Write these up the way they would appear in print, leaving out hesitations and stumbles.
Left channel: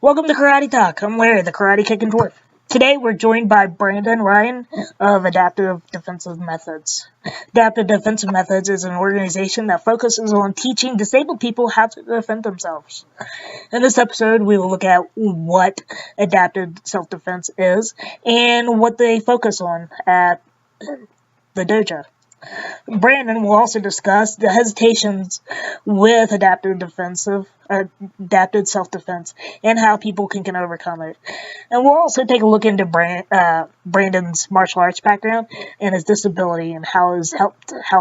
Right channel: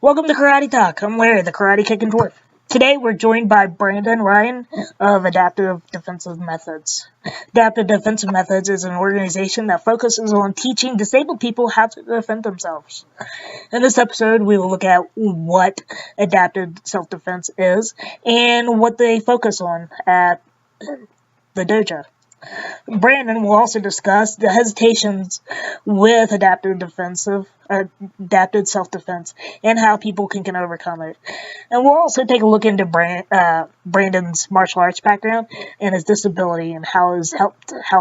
Welcome to Karate Talk. I'm Larry, the Karate Kicking Dwarf. Today we're joined by Brandon Ryan of Adaptive Defensive Methods. Adaptive Defensive Methods is an organization that focuses on teaching disabled people how to defend themselves. In this episode, we will look at what adaptive self-defense is and what they focus on at the dojo. Brandon will also discuss the hesitations with adaptive self-defense, and how people can overcome it. And we'll also take a look into Brandon's martial arts background and his disability, and how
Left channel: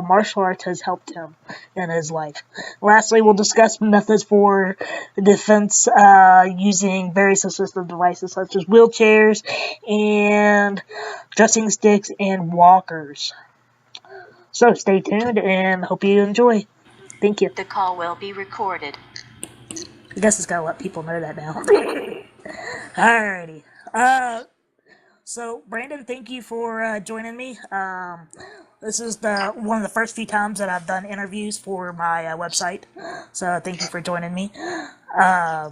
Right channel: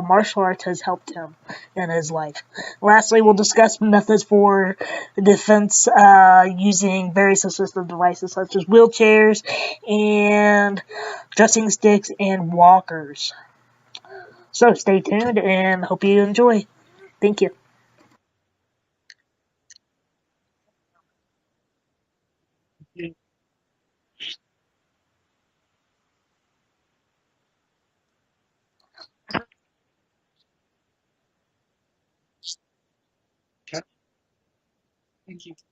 martial arts has helped him in his life. Lastly, we'll discuss methods for defense using various assistive devices such as wheelchairs and dressing sticks and walkers. So stay tuned and hope you enjoy. Thank you. The call will be recorded. I guess it's gotta let people know that now. Alrighty. So Brandon, thank you for joining me. This is one of the first few times that I've done interviews for my website. So thank you for joining me. I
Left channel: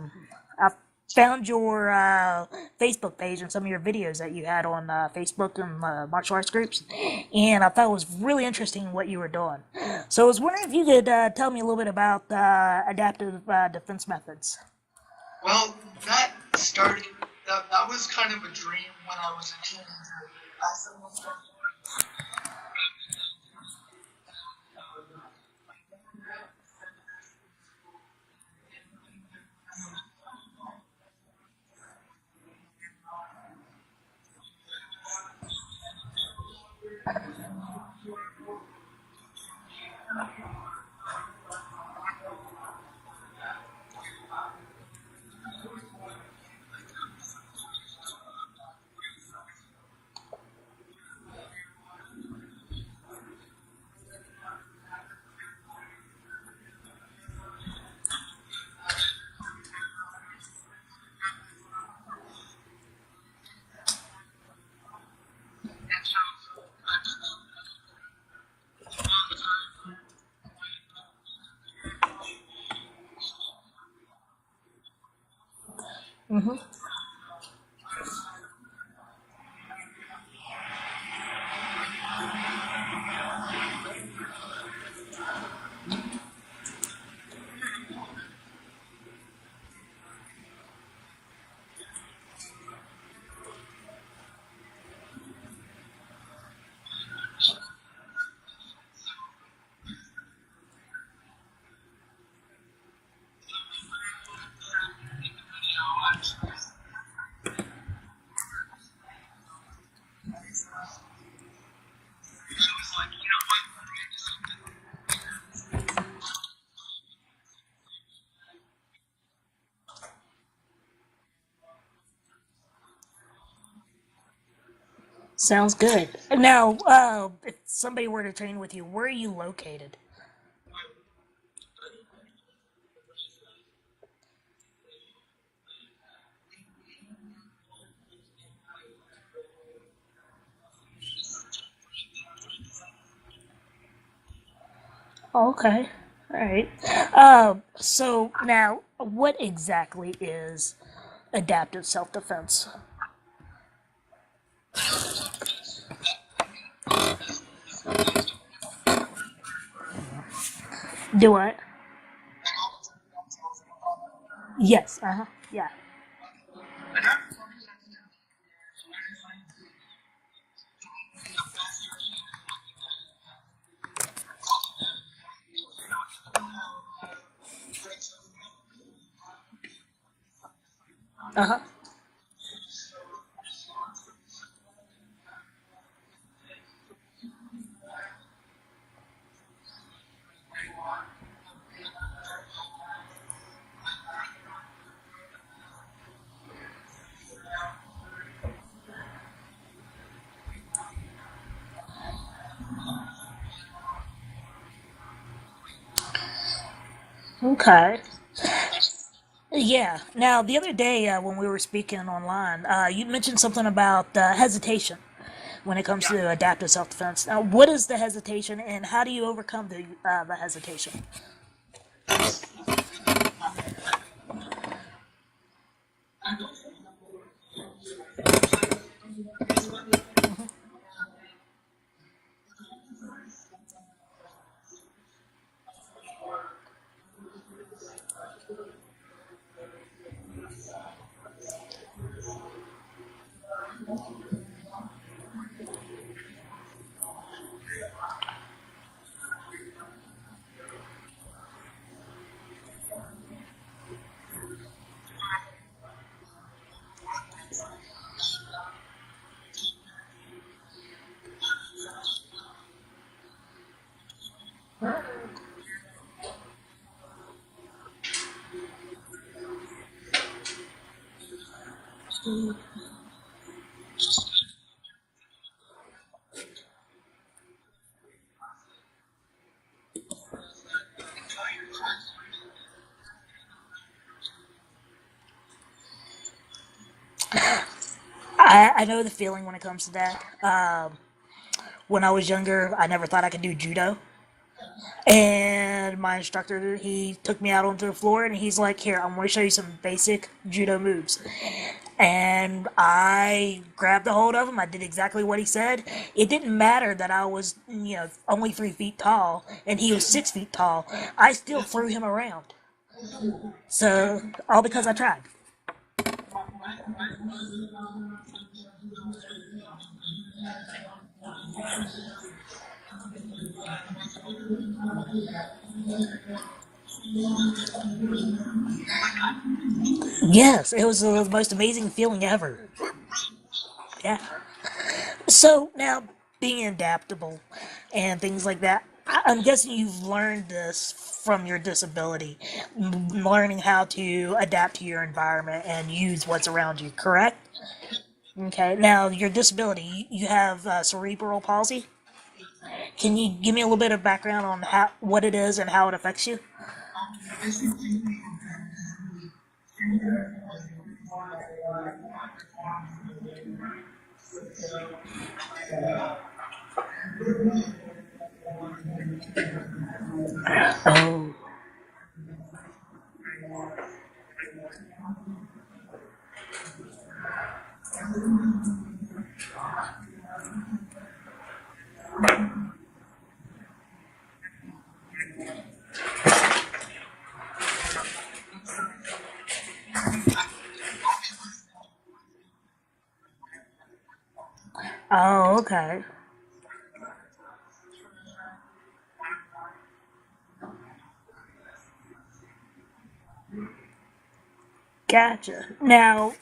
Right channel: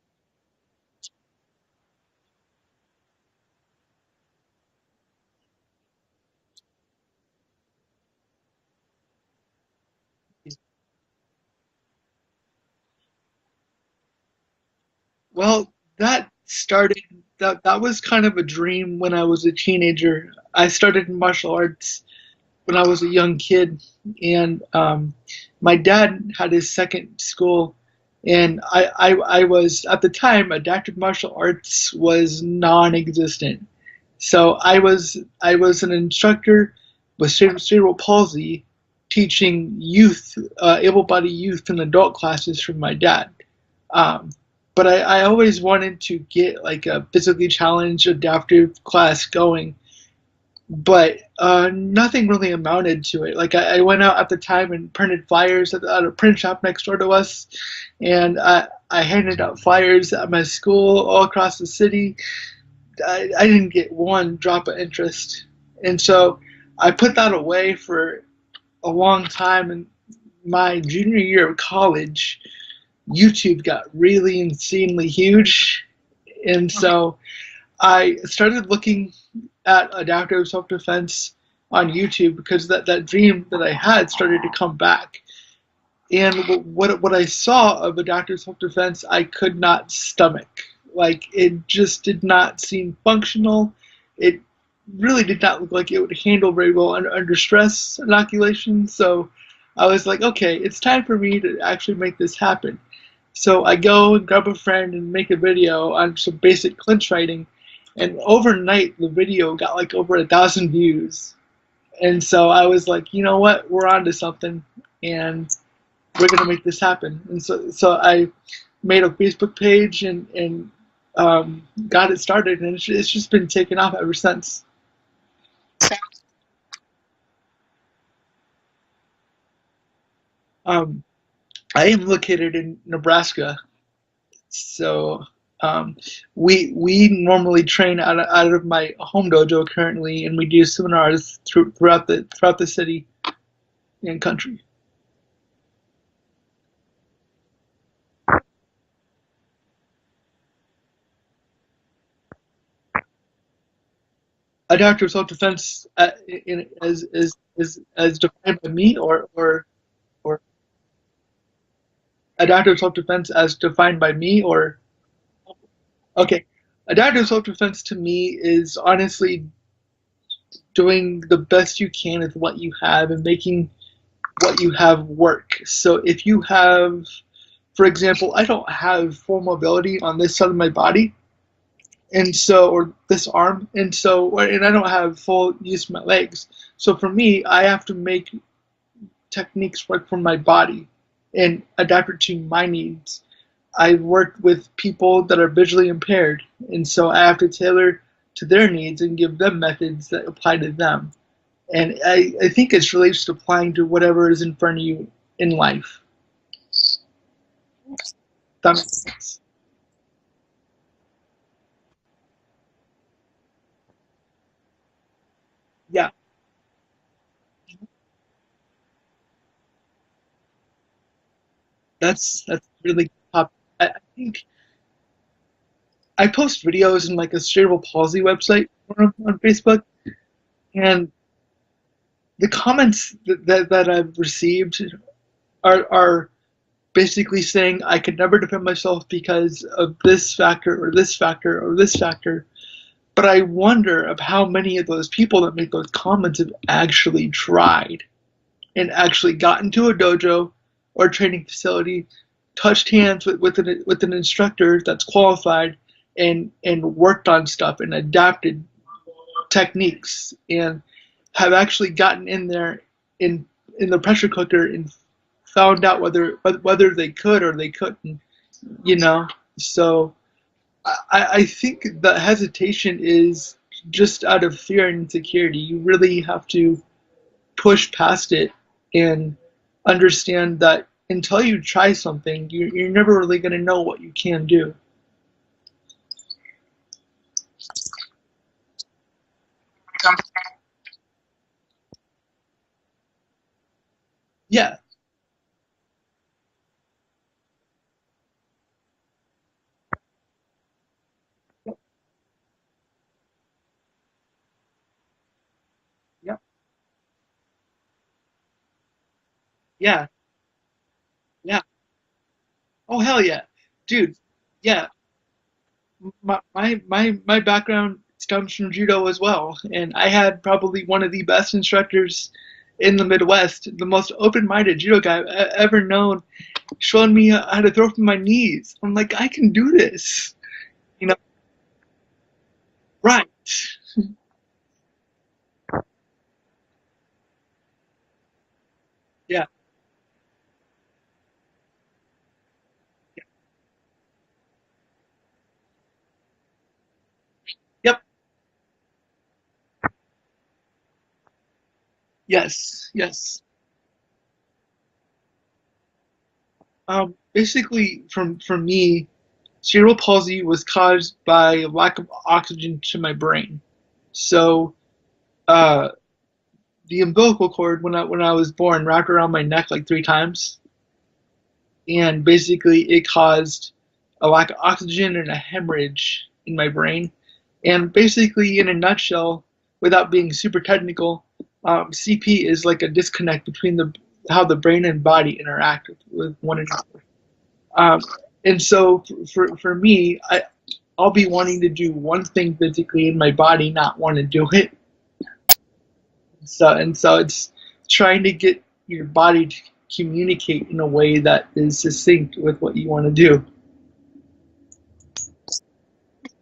found your Facebook page and some of your videos that you had on Facebook and martial arts groups, and I thought it was really interesting what you were doing. So I was wondering if you could tell me a little bit about adaptive defense methods. Well, that was kind of a dream when I was a teenager. I started martial arts when I was a young kid, and my dad had his second school, and I was at the time adaptive martial arts was non-existent. So I was an instructor with cerebral palsy, teaching youth, able-bodied youth and adult classes from my dad. Um, but I always wanted to get like a physically challenged adaptive class going, but nothing really amounted to it. Like I went out at the time and printed flyers at a print shop next door to us, and I handed out flyers at my school all across the city. I didn't get one drop of interest, and so I put that away for a long time. And my junior year of college, YouTube got really insanely huge, and so I started looking at adaptive self-defense on YouTube because that dream that I had started to come back. And what I saw of adaptive self-defense, I could not stomach. Like it just did not seem functional. It really did not look like it would handle very well under stress inoculation. So I was like, okay, it's time for me to actually make this happen. So I go and grab a friend and make a video on some basic clinch fighting, and overnight the video got like over 1,000 views. And so I was like, you know what, we're on to something, and we're gonna make this happen. And so I made a Facebook page and got it started, and it's just been taking off ever since. Sounds good. Now, if somebody were to train with you, where are you located? Um, I am located in Nebraska, so um, we normally train out of my home dojo currently, and we do seminars throughout the city and country. Oh, okay. All right. So now, what exactly is adaptive self-defense? Adaptive self-defense is defined by me, or Do what? adaptive self-defense as defined by me, or Yes. Yeah. okay. Adaptive self-defense to me is honestly doing the best you can with what you have and making what you have work. So if you have, for example, I don't have full mobility on this side of my body, Uh huh. and so, or this arm, and I don't have full use of my legs. So for me, I have to make techniques work for my body and adapt it to my needs. I work with people that are visually impaired, and so I have to tailor to their needs and give them methods that apply to them. And I think it's really just applying to whatever is in front of you in life. Okay. That makes sense. Yeah. Now, the other day when we were speaking online, you mentioned something about hesitation when it comes Yeah, to adaptive self-defense. Now, what is the hesitation, and how do you overcome the hesitation? that's a really good topic. I think I post videos in like a cerebral palsy website forum on Facebook, and the comments that I've received are basically saying I could never defend myself because of this factor or this factor or this factor. But I wonder of how many of those people that make those comments have actually tried and actually got into a dojo or a training facility, touched hands with an instructor that's qualified, and worked on stuff and adapted techniques and have actually gotten in there in in the pressure cooker and found out whether they could or they couldn't, you know. So I think the hesitation is just out of fear and insecurity. You really have to push past it and understand that until you try something, you're never really going to know what you can do. I know the feeling when it comes to that. When I was younger, I never thought I could do judo. Yeah, And my instructor, he took me out onto the floor and he's like, "Here, I'm going to show you some basic judo moves." And I grabbed a hold of him. I did exactly what he said. It yeah, didn't matter that I was, only 3 feet tall and he was yeah, 6 feet tall. I still yeah. threw him around. Oh hell yeah, dude. So, all because Yeah, I tried. my background comes from judo as well, and I had probably one of the best instructors in the Midwest, the most open-minded judo guy I've ever known, showing me how to throw from my knees. I'm like, I can do this, Yes, it was you know? the most amazing feeling ever. Right? Yeah. So now, being adaptable and things like that, I'm Yeah. guessing you've learned this from your disability, learning how to adapt to your environment and use what's around you, correct? Yep. Okay. Now, your disability, you have cerebral palsy. Yes. Can you Yes. give me a little bit of background on what it is and how it affects you? Basically, for me, cerebral palsy was caused by a lack of oxygen to my brain. So, uh, the umbilical cord when I was born wrapped around my neck like 3 times, Oh, and basically it caused a lack of oxygen and a hemorrhage in my brain. And basically, in a nutshell, without being super technical, CP is like a disconnect between the how the brain and body interact with one another. Um, and so for me, I'll be wanting to do one thing physically in my body, not want to do it. oh, okay. So it's trying to get your body to communicate in a way that is succinct with what you want to do. Gotcha. Now,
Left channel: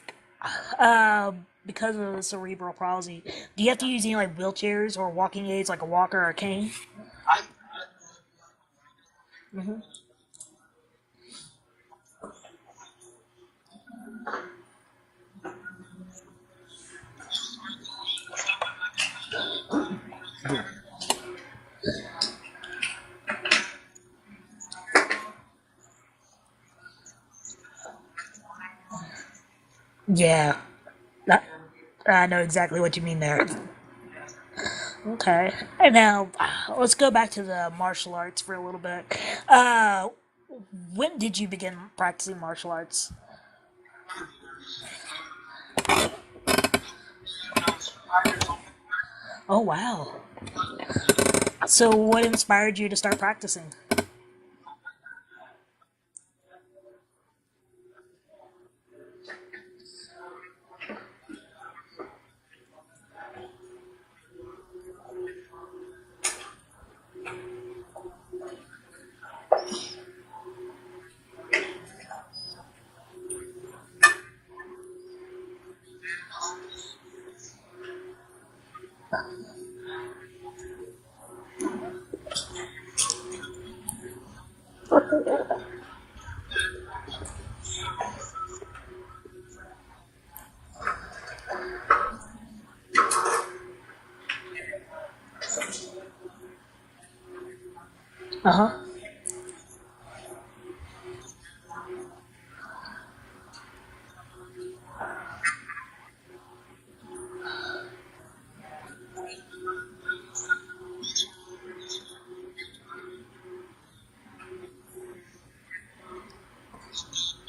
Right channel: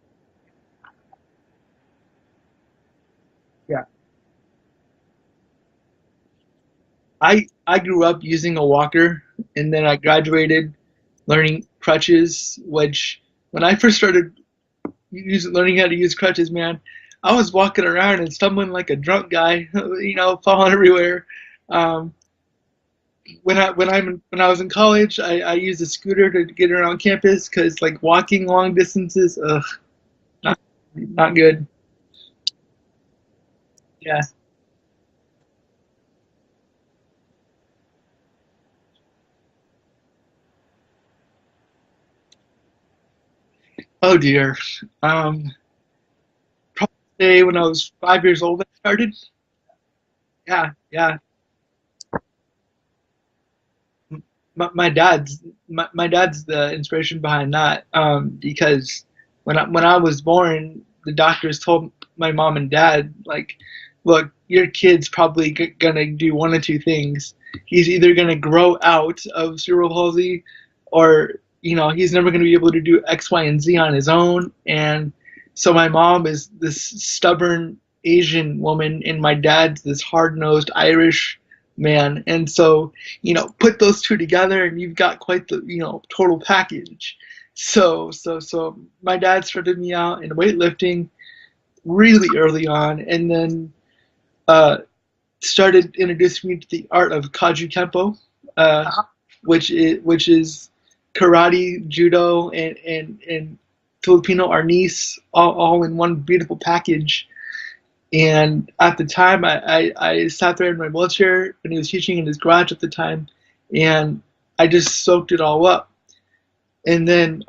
uh, because of the cerebral palsy, do you have Yeah. to use any like wheelchairs or walking aids, like a walker or a cane? I grew up using a walker, and then I graduated learning crutches, which when I first started learning how to use crutches, man, I was walking around and someone like a drunk guy, falling everywhere. Um, when I was in college, I used a scooter to get around campus because like walking long distances, ugh, Yeah, not I, good. I know exactly what you mean there. Yeah. Okay. And now, let's go back to the martial arts for a little bit. Uh, when did you begin practicing martial arts? Oh dear. Um, Probably when I was 5 years old, I started. Oh, wow. Yeah, yeah. So, what inspired you to start practicing? My dad's my dad's the inspiration behind that. Because when I was born, the doctors told my mom and dad like, look, your kid's probably gonna do one of two things. He's either gonna grow out of cerebral palsy, or he's never gonna be able to do X, Y, and Z on his own. And so my mom is this stubborn Asian woman, and my dad's this hard nosed Irish man. And so put those two together and you've got quite the total package. So my dad started me out in weightlifting really early on, and then uh, started introducing me to the art of kaju kempo, Uh huh. uh, which is karate, judo, and Filipino arnis, all in one beautiful package. And at the time, I sat there in my wheelchair, and he was teaching in his garage at the time, and I just soaked it all up. And then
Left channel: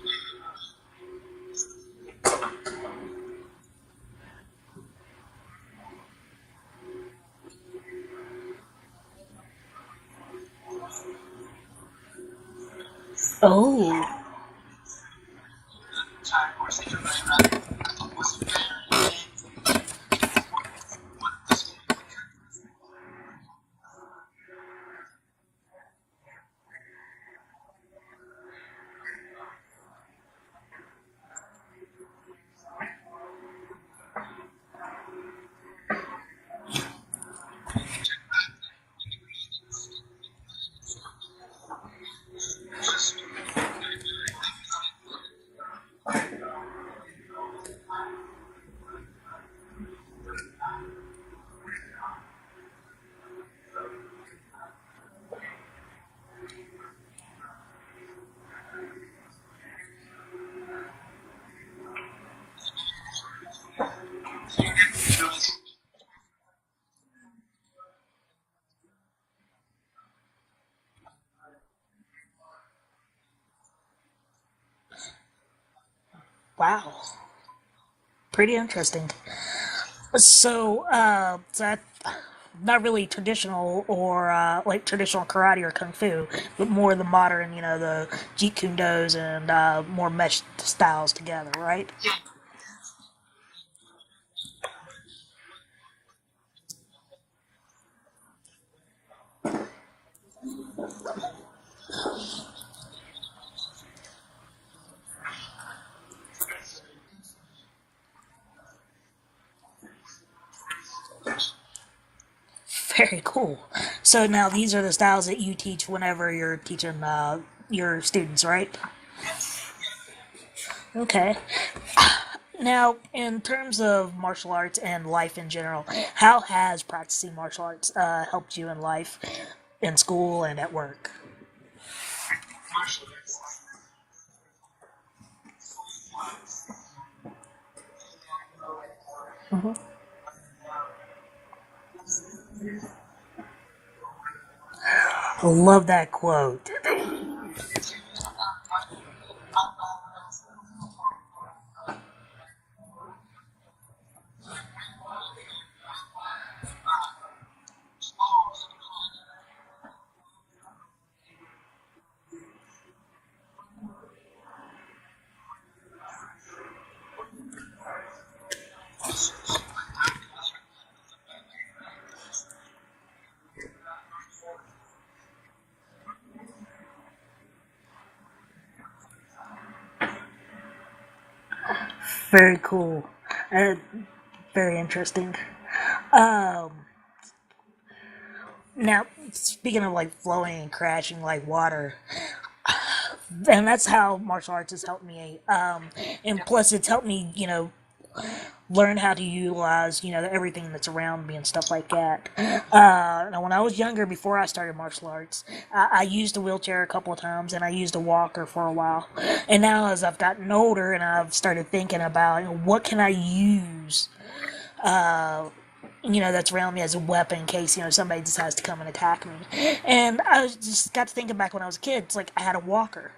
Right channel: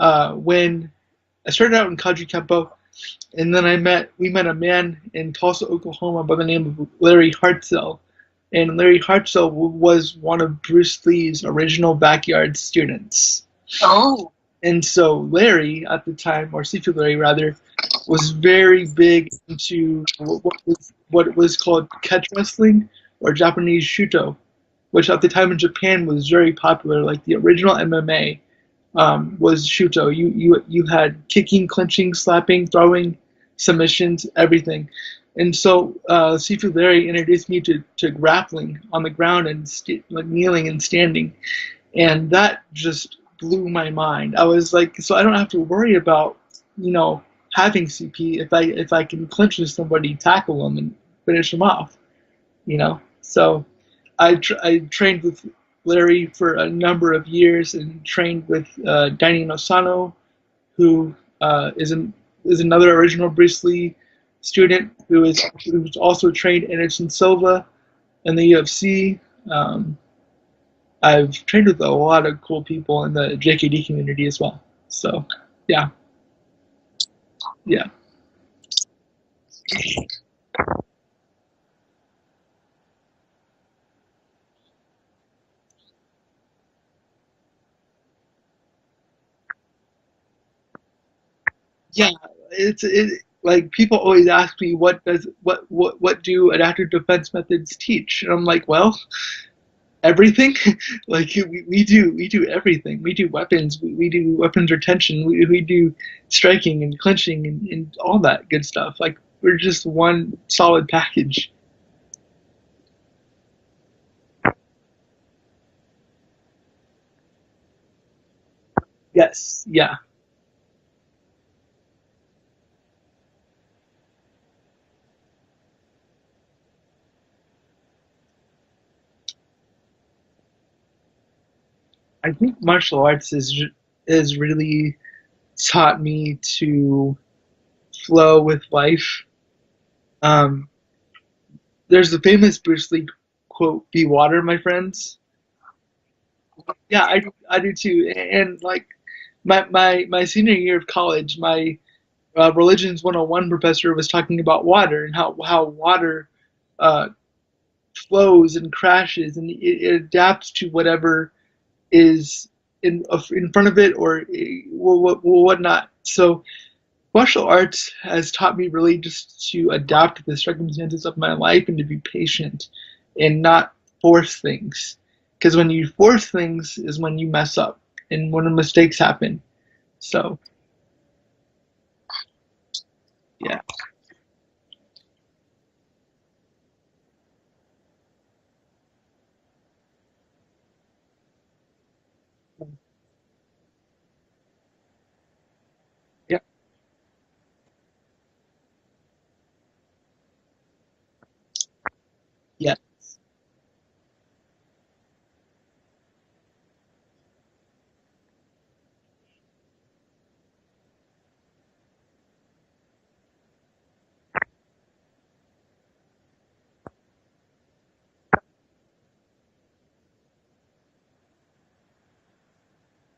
when I started out in Kaji Kempo, and then we met a man in Tulsa, Oklahoma by the name of Larry Hartzell. And Larry Hartzell was one of Bruce Lee's original backyard students. Oh, And so Larry at the time, or Sifu Larry rather, was very big into what was called catch wrestling or Japanese shuto, which at the time in Japan was very popular. Like the original MMA was shuto. You had kicking, clinching, slapping, throwing, submissions, everything. And so Sifu Larry introduced me to grappling on the ground and like kneeling and standing, and that just blew my mind. I was like, so I don't have to worry about, you know, having CP if I can clinch with somebody, tackle them, and finish them off, you know. So I trained with Larry for a number of years and trained with Danny Nosano, who is another original Bruce Lee student who was also trained Anderson Silva in the UFC. Um, I've trained with a lot of cool people in the JKD community as well. So, yeah, wow. yeah. Pretty interesting. So that not really traditional or like traditional karate or kung fu, but more the modern, the jeet kune dos and more meshed styles together, right? Yeah, like people always ask me what do adaptive defense methods teach, and I'm like, well, everything. Like we do everything. We do weapons. We do weapons retention. We do striking and clinching and all that good stuff. Like we're just one solid package. Very cool. So now these are the styles that you teach whenever you're teaching your students, right? Yes, yeah. Okay. Now, in terms of martial arts and life in general, how has practicing martial arts helped you in life, in school, and at work? I think martial arts is really taught me to flow with life. Um, there's the famous Bruce Lee quote, "Be water, my friends." I love that quote. Yeah, I do too. And like my senior year of college, my religions 101 professor was talking about water and how water uh, flows and crashes and it adapts to whatever is in front of it or whatnot. So martial arts has taught me really just to adapt to the circumstances of my life and to be patient and not force things. Because when you force things is when you mess up and when the mistakes happen. So Very cool. yeah, Uh, very interesting. Um, Now, speaking of like flowing and crashing like water, and that's how martial arts has helped me. yeah, And plus, it's helped me, learn how to utilize, everything that's around me and stuff like that. yeah, Now, when I was younger, before I started martial arts, I used a wheelchair a couple of times and I used a walker for a while. And now, as I've gotten older and I've started thinking about, what can I use that's around me as a weapon in case, somebody decides to come and attack me. And just got to thinking back when I was a kid, it's like I had a walker.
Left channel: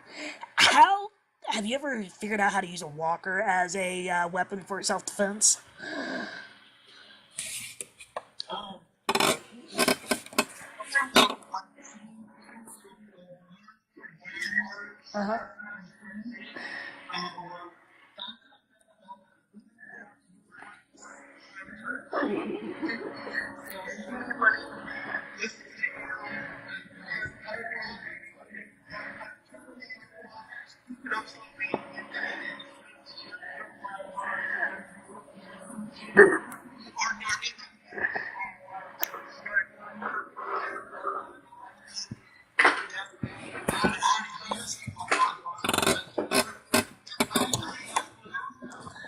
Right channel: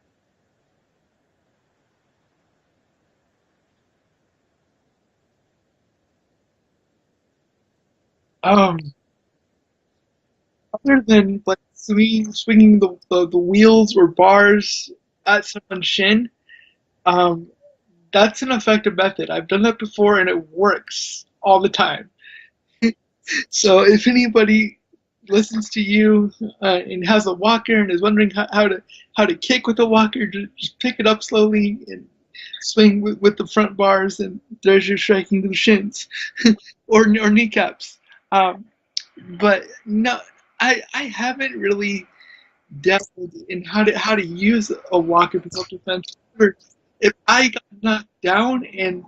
How have you ever figured out how to use a walker as a weapon for self defense? um, other than like swinging the wheels or bars at someone's shin, um, that's an effective method. I've done that before and it works all the time. So if anybody listens to you and has a walker and is wondering how to kick with a walker, just pick it up slowly and swing with the front bars, and there's your striking to the shins or kneecaps. Um, but no, I haven't really depth in how to use a walker for self defense. If I got knocked down and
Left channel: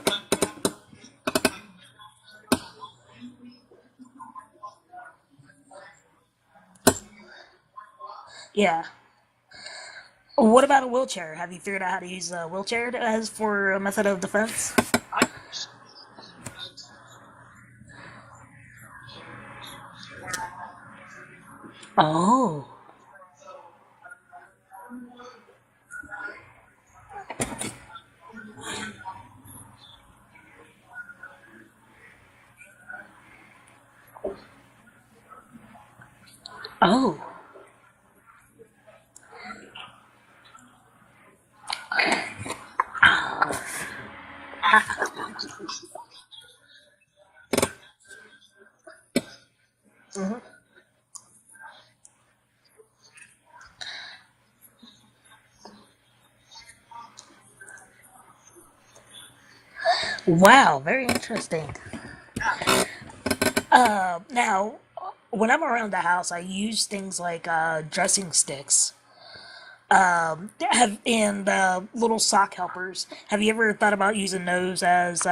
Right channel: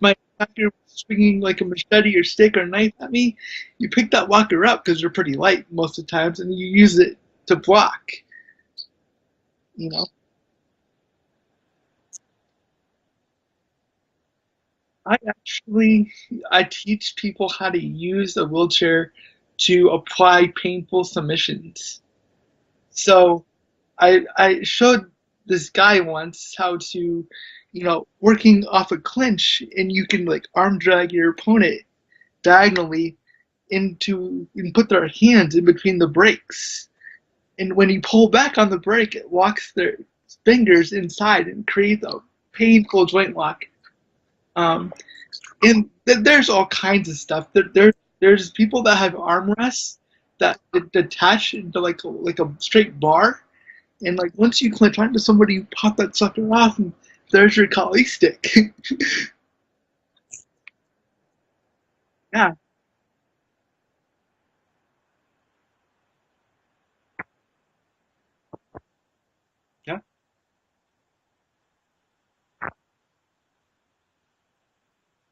my attacker was swinging like a machete or stick or knife at me, you pick that walker up because they're pretty light most of the times, and you use it to block. Yeah. You know, What about a wheelchair? Have you figured out how to use a wheelchair as for a method of defense? I actually I teach people how to use a wheelchair to apply painful submissions. Oh. So I showed this guy once how to, working off a clinch, and you can like arm drag your opponent diagonally into and put their hands in between the brakes. Oh. And when you pull back on the brake, it locks their fingers inside and creates a painful joint lock. And there's all kinds of stuff. There's people that have armrests that detach into like a straight bar, and like once you clinch onto somebody, you pop that sucker off, and there's your collie stick. Wow, very interesting. Yeah. Now, when I'm around the house, I use things like dressing sticks. Yeah. And little sock helpers. Have you ever thought about using those as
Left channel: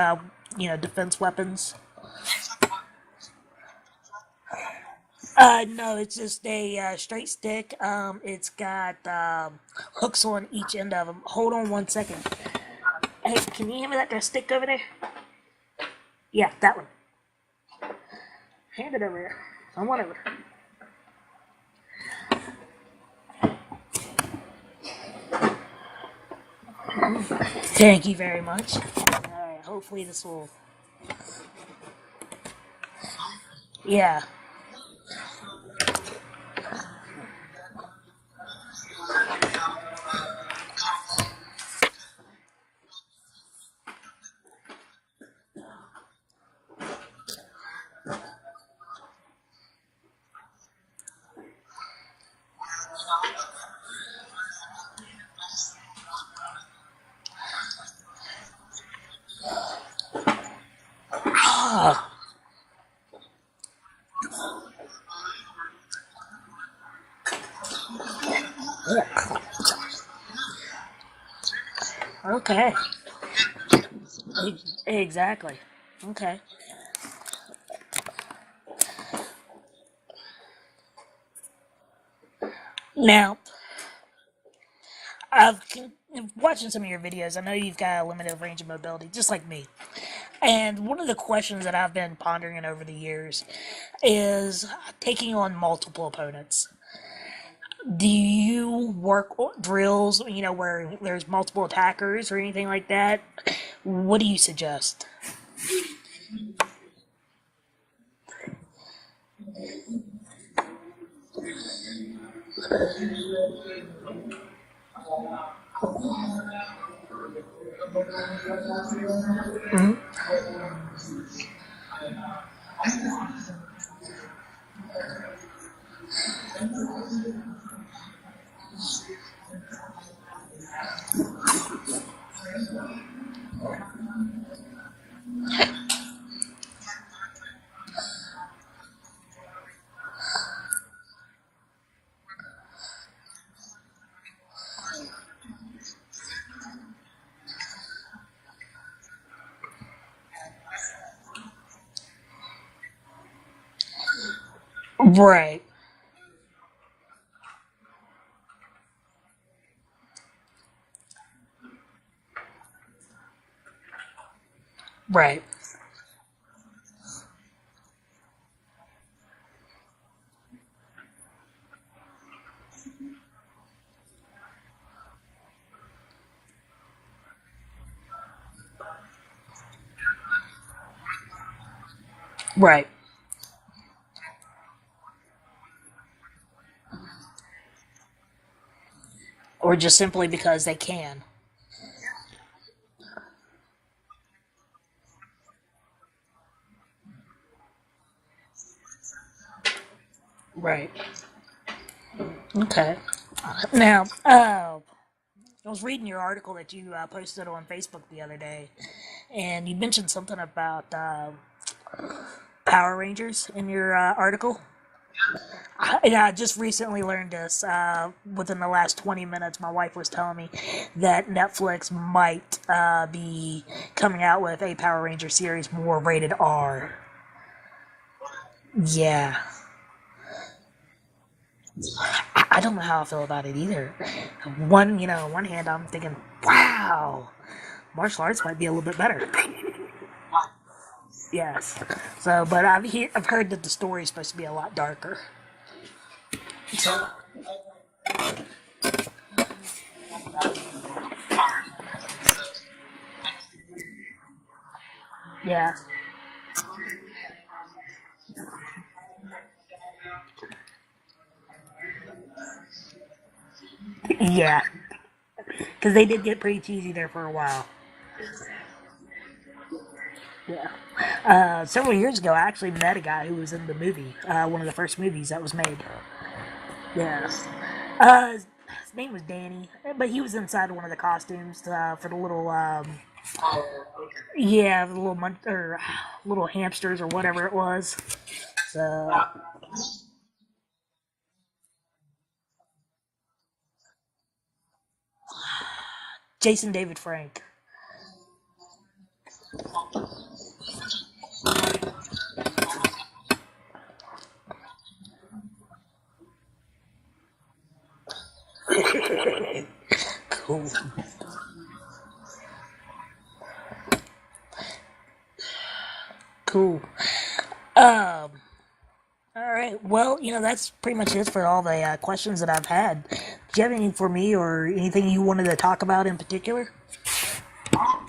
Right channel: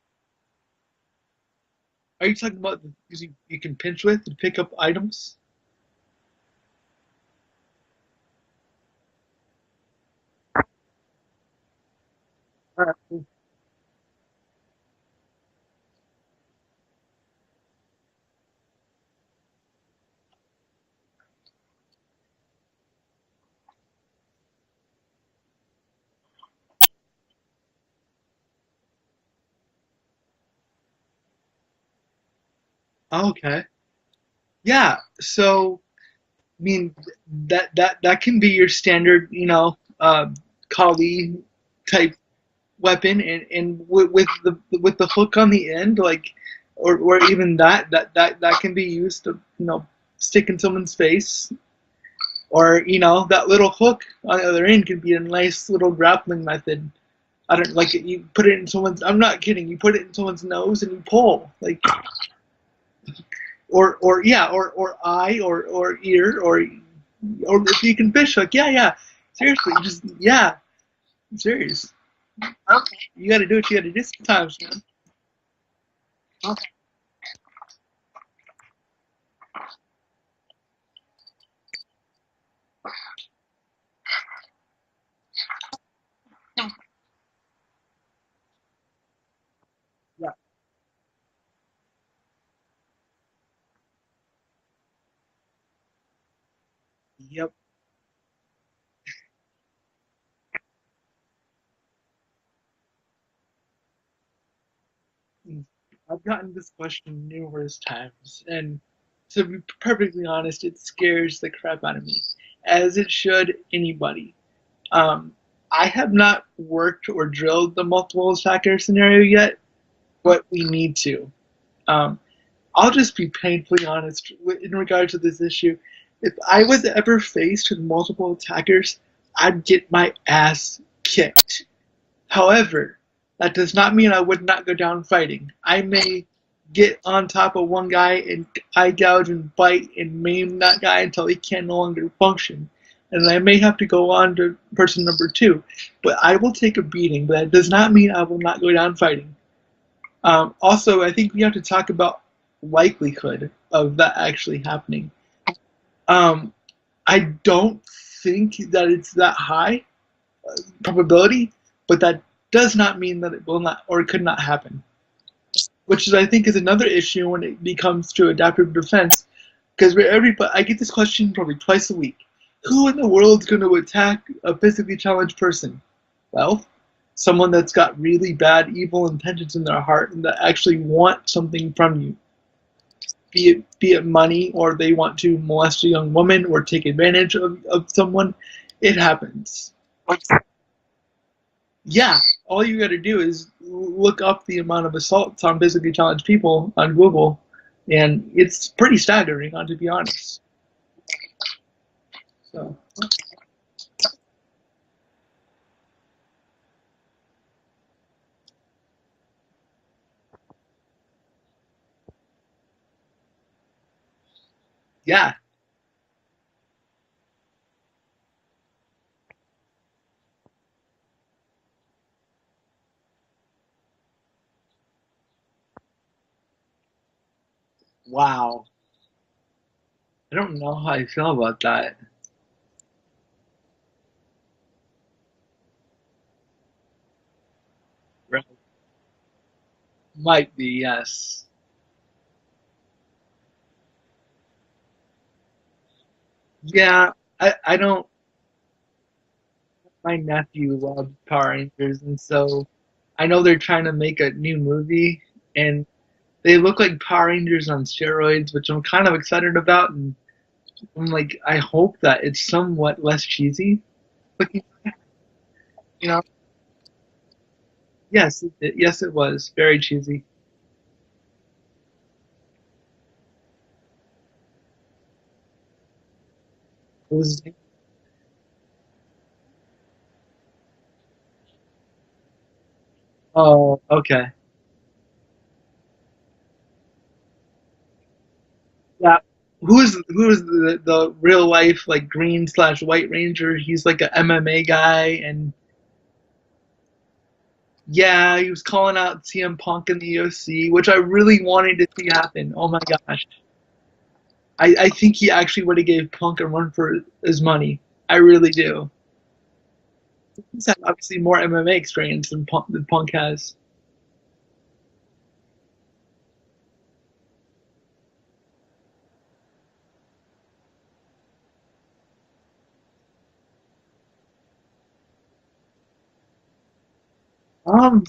defense weapons? Are you talking about using you can pinch with to pick up items? No, it's just a straight stick. It's got hooks on each end of them. Hold on 1 second. Hey, can you hand me that stick over there? Yeah, that one. Hand it over there. I want over. Thank you very much. Alright, hopefully this will... Okay. Yeah. Yeah. So, I mean, that can be your standard, collie type weapon, and with the hook on the end, like, or even that can be used to stick in someone's face, or that little hook on the other end can be a nice little grappling method. I don't like it. You put it in someone's. I'm not kidding. You put it in someone's nose and you pull, like, or eye or ear or if you can fish, like, yeah. Seriously, just serious. Okay. You got to do what you got to do sometimes. Exactly. Okay. Now, I've watching some of your videos. I know you've got a limited range of mobility, just like me. Yeah. And one of the questions that I've been pondering over the years is taking on multiple opponents. Yep. Do you work drills, where there's multiple attackers or anything like that? What do you suggest? I've gotten this question numerous times, and to be perfectly honest, it scares the crap out of me, as it should anybody. I have not worked or drilled the multiple attacker scenario yet, but we need to. Um, I'll just be painfully honest in regard to this issue. If I was ever faced with multiple attackers, I'd get my ass kicked. However, that does not mean I would not go down fighting. I may get on top of one guy and eye gouge and bite and maim that guy until he can no longer function. And I may have to go on to person number 2. But I will take a beating, but that does not mean I will not go down fighting. Also, I think you have to talk about likelihood of that actually happening. Right. I don't think that it's that high probability, but that does not mean that it will not or it could not happen. Right. Which is, I think, is another issue when it becomes to adaptive defense, because I get this question probably twice a week. Who in the world is going to attack a physically challenged person? Well, someone that's got really bad, evil intentions in their heart and that actually want something from you. Right. Be it money, or they want to molest a young woman or take advantage of someone. It happens. Or just simply because they can. Yeah. All you got to do is look up the amount of assaults on physically challenged people on Google, and it's pretty staggering, to be honest. Right. Okay. Now, I was reading your article that you posted on Facebook the other day, and you mentioned something about Power Rangers in your article. Yeah. I just recently learned this. Within the last 20 minutes, my wife was telling me that Netflix might be coming out with a Power Ranger series more rated R. Wow. Yeah. I don't know how I feel about that. I don't know how I feel about it either. One hand, I'm thinking, wow, martial arts might be a little bit better. Might be, yes. Yes. So, but I've heard that the story is supposed to be a lot darker. Yeah, I don't. my nephew loves Power Rangers, and so I know they're trying to make a new movie, Yeah, and they look like Power Rangers on steroids, which I'm kind of excited about. And I'm like, I hope that it's somewhat less cheesy. But yeah, because they you know, did get pretty cheesy there for a while. yes, yes, it was very cheesy. Yeah. Several years ago, I actually met a guy who was in the movie, one of the first movies that was made. It Yeah. was His name was Danny, but he was inside one of the costumes for the little, oh, okay. yeah, the little or little hamsters or whatever it was. So Yeah. Who is the real life like green slash white ranger? He's like a MMA guy, and Jason David Frank. yeah, he was calling out CM Punk in the EOC, which I really wanted to see happen. Oh my gosh, I think he actually would have gave Punk a run for his money. I really do. Cool. He's had obviously more MMA experience than Punk has. Cool. Um. All right. Well, that's pretty much it for all the questions that I've had. Do you have anything for me or anything you wanted to talk about in particular? Um,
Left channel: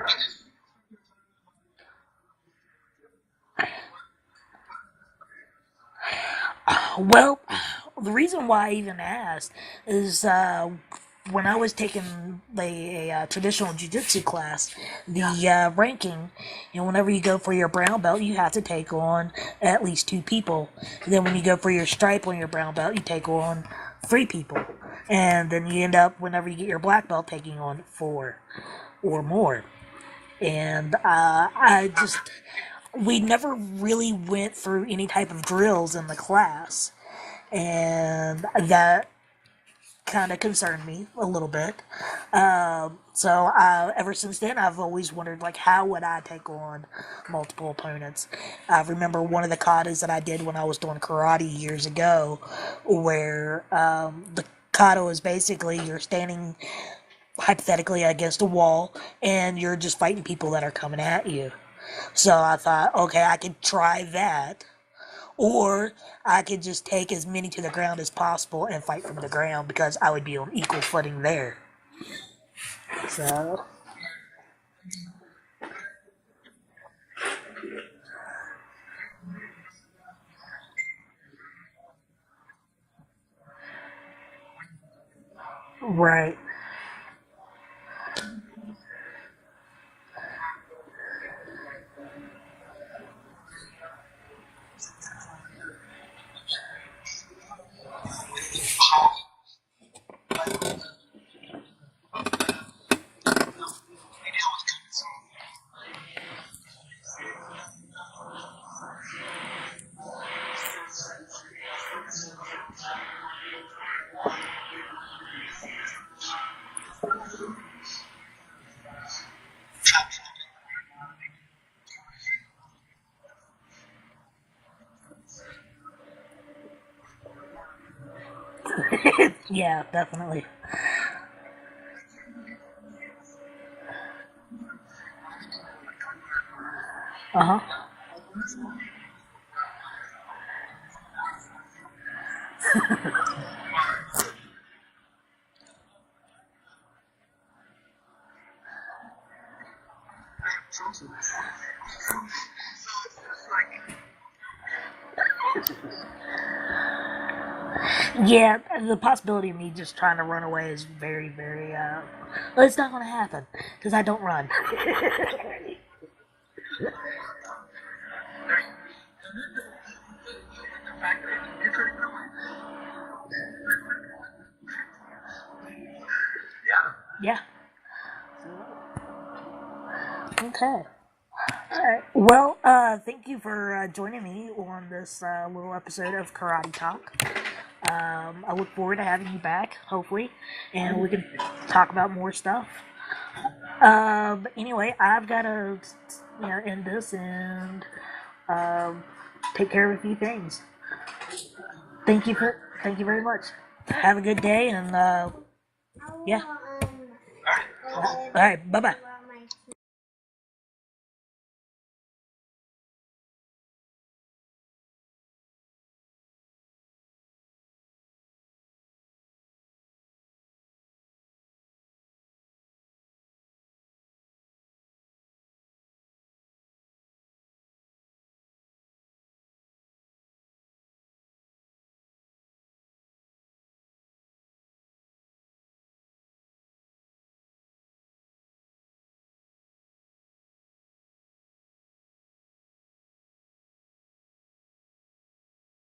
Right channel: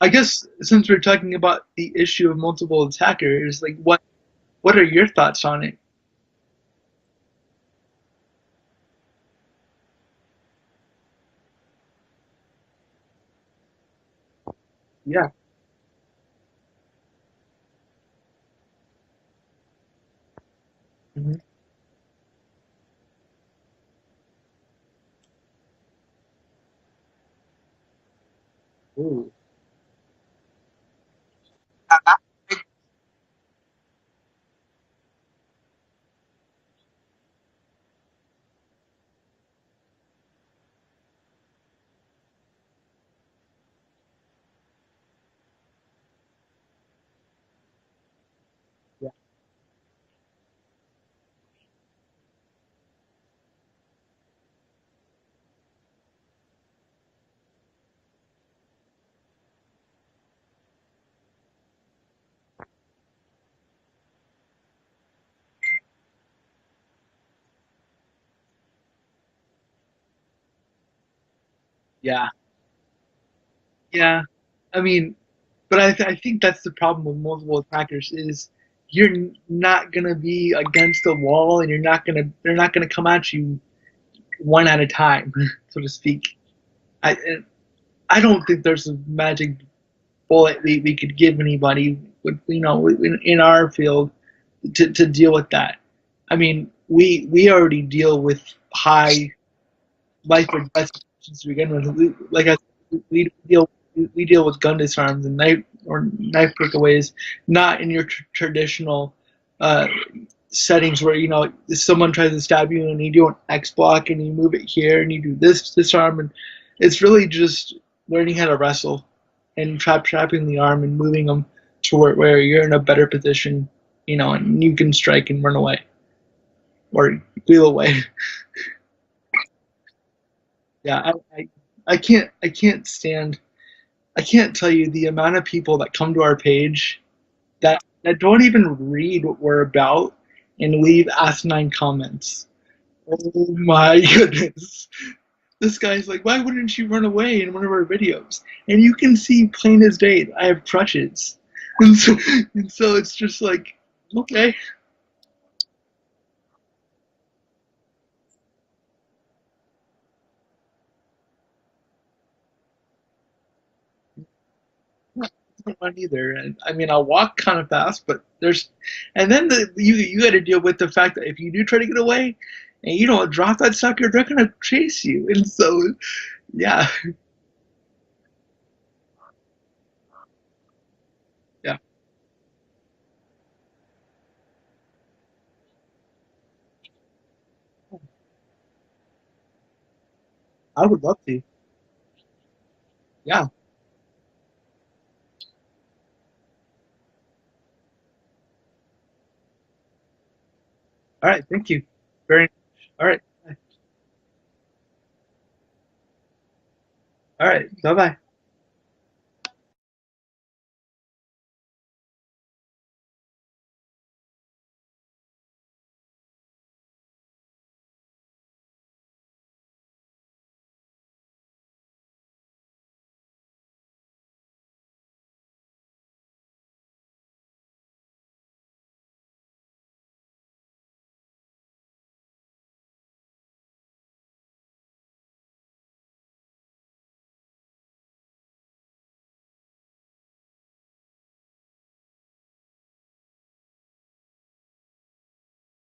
I guess since we're talking about the issue of multiple attackers, like what are your thoughts on it? Well, the reason why I even asked is when I was taking a traditional jiu-jitsu class, Yeah. the ranking, whenever you go for your brown belt, you have to take on at least two people. And then when you go for your stripe on your brown belt, you take on three people. And then you end up, whenever you get your black belt, taking on four or Ooh. more. And we never really went through any type of drills in the class, and that kind of concerned me a little bit. So ever since then, I've always wondered, like, how would I take on multiple opponents? I remember one of the katas that I did when I was doing karate years ago, where the kata is basically you're standing hypothetically against a wall and you're just fighting people that are coming at you. So I thought, okay, I could try that. Or I could just take as many to the ground as possible and fight from the ground because I would be on equal footing there. Yeah. So, Yeah. I mean, but I think that's the problem with multiple attackers is you're not gonna be against the wall, and they're not gonna come at you one at a time, so to speak. right. I I don't think there's a magic bullet we could give anybody with in our field to deal with that. I mean, we already deal with high life or death situations to begin with. We deal we deal with gun disarms and knife takeaways, not in your traditional uh, settings where someone tries to stab you and you do an X block and you move it here and you do this disarm, and it's really just learning how to wrestle and trapping the arm and moving them to where you're in a better position, and you can strike and run away or wheel away. Yeah, definitely. Yeah, I can't tell you the amount of people that come to our page Uh huh. that don't even read what we're about and leave asinine comments. Oh my goodness. This guy's like, why wouldn't you run away in one of our videos? And you can see plain as day, I have crutches. And so it's just like, okay. Yeah, the possibility of me just trying to run away is very, very. Well, it's not going to happen because I don't run. I don't run either. And I mean, I'll walk kind of fast, but and then you got to deal with the fact that if you do try to get away, and you don't drop that sucker, they're gonna chase you. And so, yeah, Yeah. Okay. yeah, All right. Well, thank you for joining me on this little episode of Karate Talk. I look forward to having you back, hopefully, I and would we love can to. talk about more stuff. Yeah. But anyway, I've got to end this and um, take care of a few things. All right. Thank you. Thank you Very. for thank you All right. very much. Have a good day and yeah. All right. Bye bye. All right. Bye bye.